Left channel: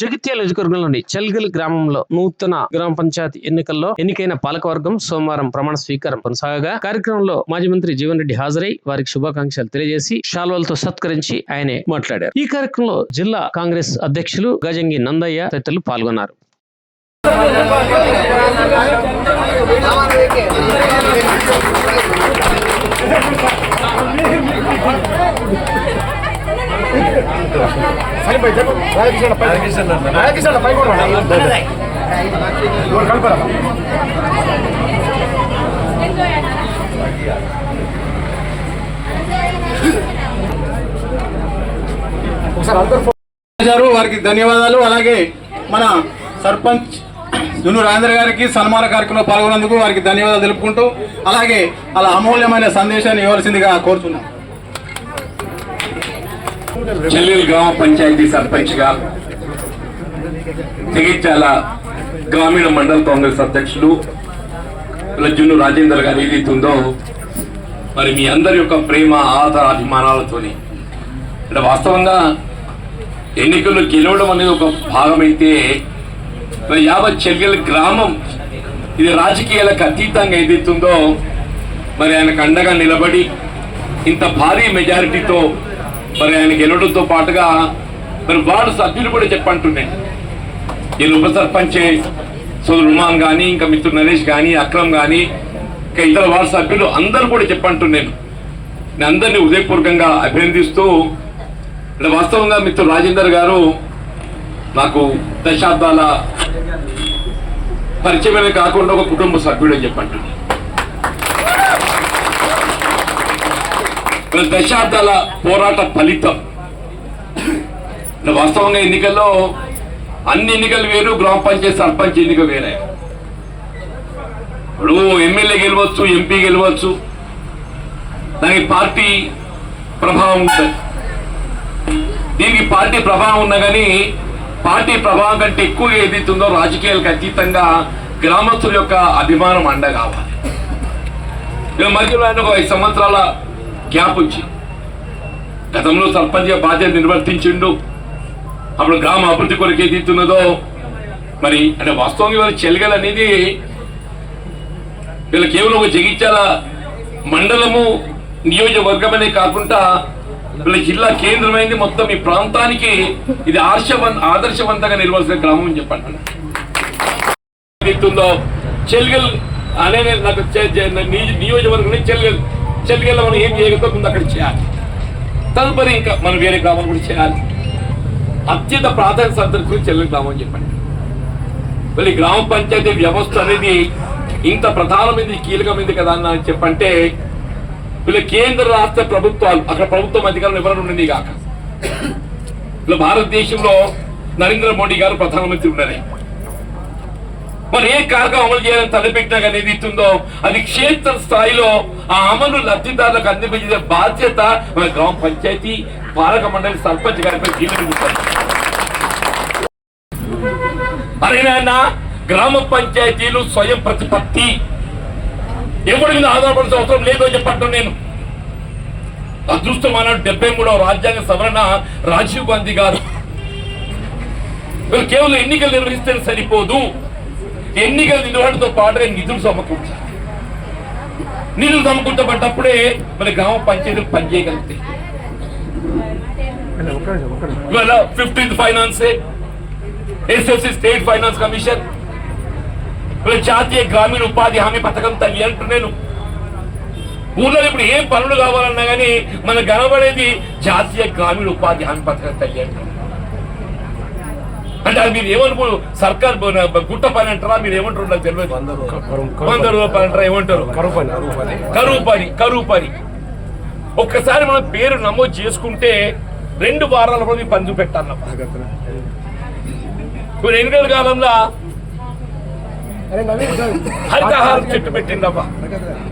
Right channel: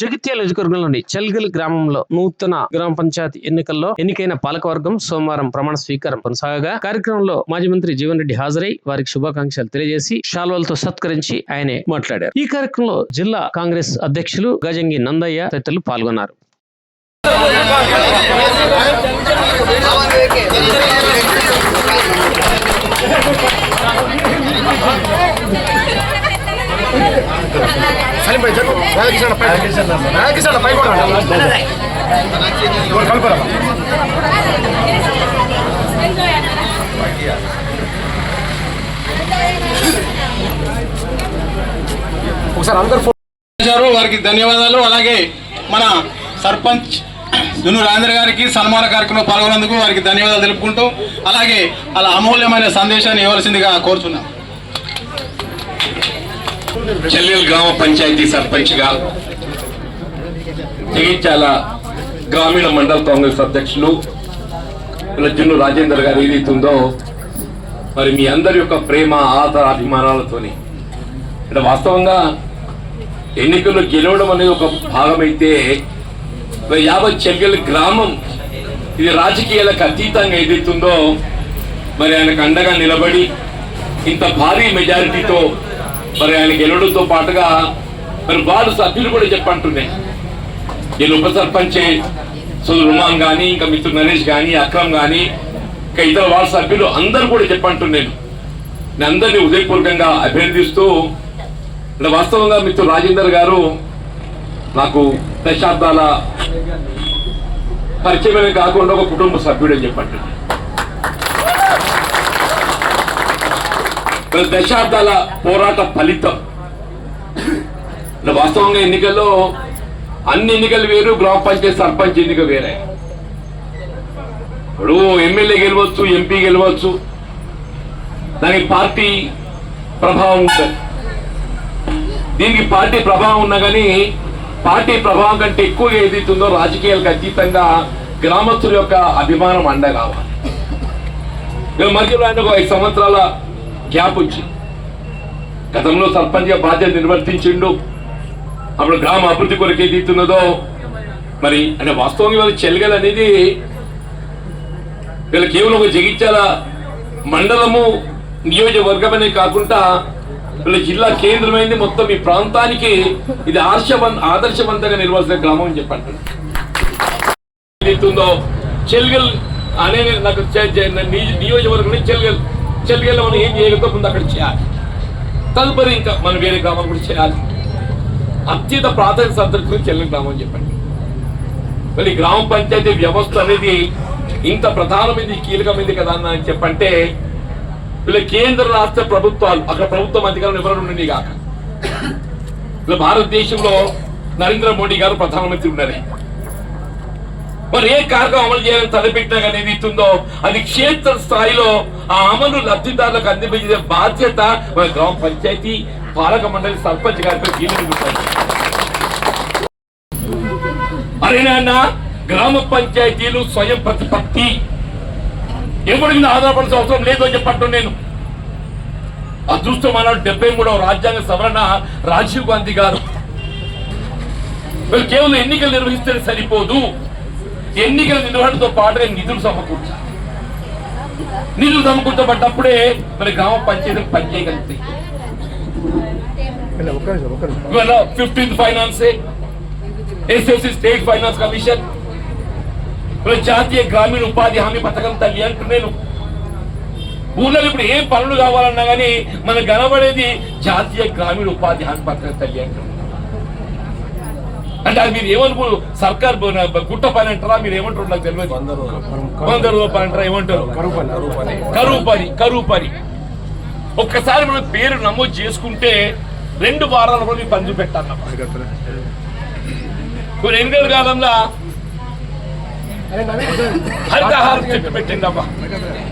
జగిత్యాల నియోజకవర్గంలోని చెల్గల్ గ్రామంలో నూతన గ్రామ పంచాయతీ ఎన్నికల్లో ఎన్నికైన పాలకవర్గం సోమవారం ప్రమాణ స్వీకారం కొనసాగగా కార్యక్రమంలో మాజీ మంత్రి జీవన్ రెడ్డి హాజరై వారికి శుభాకాంక్షలు తెలియజేసి శాల్వాలతో సత్కరించి ఆయనే మాట్లాడారు. ఈ కార్యక్రమంలో జిల్లా కాంగ్రెస్ అధ్యక్షులు గజంగి నందయ్య తదితరులు పాల్గొన్నారు. వారికి ధన్యవాదాలు. అలాగే మన సర్పంచ్ జున్ను రాజేంద్ర గారికి సన్మాన కార్యక్రమంలో పాల్గొన్నందుకు వారికి ధన్యవాదాలు తెలుపుకుంటూ అలాగే అలా అమూల్యమైన సందేశాన్ని ఇవ్వాల్సిందిగా కోరుతున్నాం. చెల్గల్ గ్రామ పంచాయతీ సర్పంచ్గా జగిత్యాల గ్రామీణ మండల కాంగ్రెస్ అధ్యక్షులు జున్ను రాజేందర్ గారు ఏదైతుందో మరి మీ అందరి యొక్క ప్రేమ ఆదర అభిమానాలతోని అంటే వాస్తవంగా ఎన్నికల్లో గెలవడం అనేది ఒక భాగమైతే యావత్ చెల్గల్ గ్రామం ఇది రాజకీయాలకు అతీతంగా ఏదైతుందో మరి ఆయనకు అండగా నిలబడి ఇంత భారీ మెజారిటీతో మరి ఆయన గెలవడంతో పాటుగా మరి వార్డు సభ్యులు కూడా చెప్పంటున్నాయి. వీళ్ళు ఉప సర్పంచ్ సోదరు రుమాన్ కానీ ఇంకా మిత్రుడు నరేష్ కానీ అక్రమ్ కానీ ఇంకా ఇతర వార్డు సభ్యులు అందరూ కూడా చెప్పంటున్నాను. నేను అందరినీ హృదయపూర్వకంగా అభినందిస్తూ వాస్తవంగా మిత్రుడు రాజేందర్ గారు నాకు దశాబ్దాల పరిచయమే కాకుండా ఒక కుటుంబ సభ్యుడు అని చెప్పంటున్నాను. దశాబ్దాల పోరాట ఫలితం. వాస్తవంగా ఎన్నికల్లో అన్ని ఎన్నికలు వేరు, గ్రామ పంచాయతీ సర్పంచ్ ఎన్నిక వేరే. ఇప్పుడు ఎమ్మెల్యే గెలవచ్చు, ఎంపీ గెలవచ్చు, దానికి పార్టీ ప్రభావం ఉంటుంది. దీనికి పార్టీ ప్రభావం ఉన్నా కానీ పార్టీ ప్రభావం కంటే ఎక్కువ ఏదైతుందో రాజకీయాలకు అతీతంగా గ్రామస్తుల యొక్క అభిమానం అండ కావాలి. మధ్యలో ఆయన ఒక 5 సంవత్సరాల గ్యాప్ వచ్చి గతంలో సర్పంచ్గా బాధ్యత నిర్వర్తించిండు. అప్పుడు గ్రామ అభివృద్ధి కొరకు ఏదైతున్నదో మరి అంటే వాస్తవంగా వీళ్ళ చెల్గల్ అనేది వీళ్ళ కేవలం ఒక జగిత్యాల మండలము నియోజకవర్గమనే కాకుండా వీళ్ళ జిల్లా కేంద్రమైంది. మొత్తం ఈ ప్రాంతానికి ఇది ఆదర్శవంతంగా నిర్వహించిన గ్రామం అని చెప్పండి. ఏదైతుందో చెల్గల్ అనే నాకు నియోజకవర్గం చెల్గల్ మనం ఏం చేయగలుగుతో ముందు అక్కడ చేయాలి. తదుపరి ఇంకా మనం వేరే గ్రామాలు కూడా చేయాలి. అత్యంత ప్రాధాన్యత సంతరించుకుని చెల్గల్ గ్రామం అని చెప్పండి. మళ్ళీ గ్రామ పంచాయతీ వ్యవస్థ అనేది ఇంత ప్రధానమైనది కీలకమైంది కదా అని చెప్పంటే వీళ్ళ కేంద్ర రాష్ట్ర ప్రభుత్వాలు అక్కడ ప్రభుత్వం అధికారులు ఎవరు ఉండండి కాక ఇలా భారతదేశంలో నరేంద్ర మోడీ గారు ప్రధానమంత్రి ఉన్నారు. మరి ఏ కార్యక్రమం అమలు చేయాలని తలపెట్టినా కానీ ఏది ఇస్తుందో అది క్షేత్ర స్థాయిలో ఆ అమలు లబ్ధిదారులకు అందించే బాధ్యత మన గ్రామ పంచాయతీ పాలక మండలి సర్పంచ్ గారిపై కీలకం. అరేనా గ్రామ పంచాయతీలు స్వయం ప్రతిపత్తి ఎవరి మీద ఆధారపడాల్సిన అవసరం లేదు అని చెప్పట్టు నేను అదృష్టం అన్నాడు 73వ రాజ్యాంగ సవరణ రాజీవ్ గాంధీ గారు. వీళ్ళు కేవలం ఎన్నికలు నిర్వహిస్తే సరిపోదు, ఎన్నికల నిర్వహణతో పాటుగా నిధులు సమకూర్చాలి. నిధులు సమకూర్చబడ్డప్పుడే మన గ్రామ పంచాయతీలు పనిచేయగలుగుతాయి. ఇవాళ 15th finance SFC state finance commission జాతీయ గ్రామీణ ఉపాధి హామీ పథకం తల్లి అంటున్నాను. ఊళ్ళో ఇప్పుడు ఏం పనులు కావాలన్నా కానీ మనకు కనబడేది జాతీయ గ్రామీణ ఉపాధి హామీ పథకం తల్లి అంటున్నాను. అంటే అది మీరు ఏమనుకో సర్కార్ గుట్ట పని అంటారా, మీరు ఏమంటారు నాకు తెలియదు. 100 రూపాయలు అంటారా, ఏమంటారు కరువు పని. ఒక్కసారి మనం పేరు నమోదు చేసుకుంటే 2 వారాల కూడా పని చూపెట్టాలన్నమాట. ఇప్పుడు ఎన్నికల కాలంలో హరితహారం చెట్టు పెట్టిందమ్మా.